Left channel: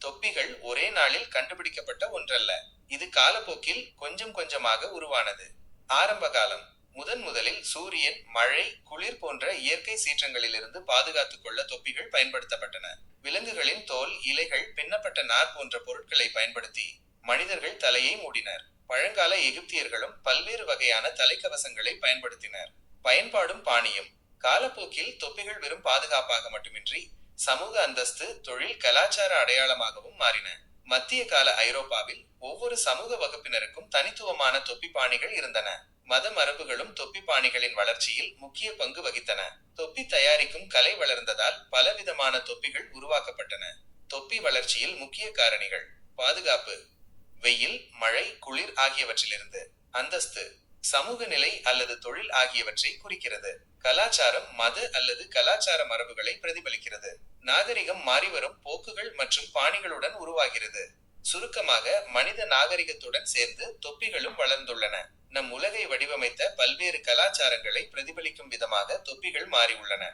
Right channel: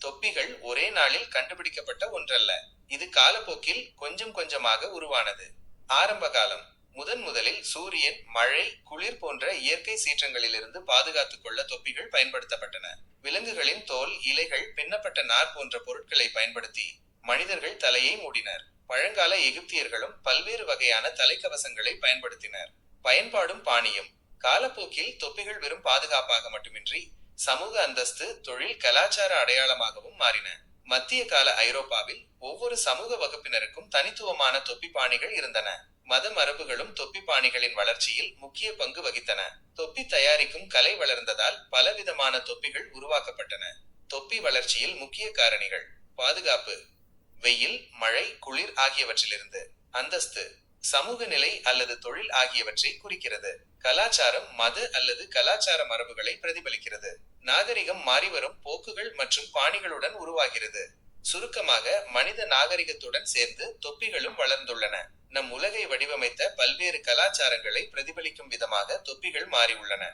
தொப்பிகள் ஒரே நாளில் கண்டுபிடிக்கப்பட்ட ஒன்றல்ல. இது காலப்போக்கில் கொஞ்சம் கொஞ்சமாக உருவானது. ஆரம்ப காலம். முதலில் சூரியன், மழை, குளிர் போன்ற இயற்கை சீற்றங்களிலிருந்து பாதுகாத்துக் கொள்ள தொப்பிகள் பயன்படுத்தப்பட்டன. விலங்குகளின் தோல், இலைகள், பின்னப்பட்ட நார் போன்ற பொருட்களை பயன்படுத்தி மனிதர்கள் தலையை மூடினர். பழங்கால எகிப்தியர்களும் பல்வேறு வகையான தலைக்கவசங்களை பயன்படுத்தினர். பயன்பாடும் பாணியும். காலப்போக்கில் தொப்பிகள் வெறும் பாதுகாப்பாக மட்டுமின்றி சமூக அந்தஸ்து, தொழில், கலாச்சார அடையாளமாகவும் மாறின. மத்திய கால ஐரோப்பாவில் ஒவ்வொரு சமூக வகுப்பினருக்கும் தனித்துவமான தொப்பி பாணிகள் இருந்தன. மத மரபுகளும் தொப்பி பாணிகளின் வளர்ச்சியில் முக்கிய பங்கு வகித்தன. தொப்பி தயாரிக்கும் கலை வளர்ந்ததால் பலவிதமான தொப்பிகள் உருவாக்கப்பட்டன. தொப்பி வளர்ச்சியில் முக்கிய காரணிகள். பாதுகாப்பு. வெயில், மழை, குளிர் ஆகியவற்றிலிருந்து. அந்தஸ்து. சமூக நிலை அல்லது தொழில் ஆகியவற்றை குறிக்கிறது. கலாச்சாரம், மத அல்லது கலாச்சார மரபுகளை பிரதிபலிக்கிறது. நாகரிகம் மாறிவரும் போக்குகள் மற்றும் பாணிகளுடன் உருவாகிறது. சுருக்கமாக, மனித நாகரிகத்துடன் சேர்ந்து தொப்பிகளும் வளர்ந்துள்ளன. நம் உலகை வடிவமைத்த பல்வேறு கலாச்சாரங்களை பிரதிபலிக்கும் விதமாக தொப்பிகள் மாறியுள்ளன.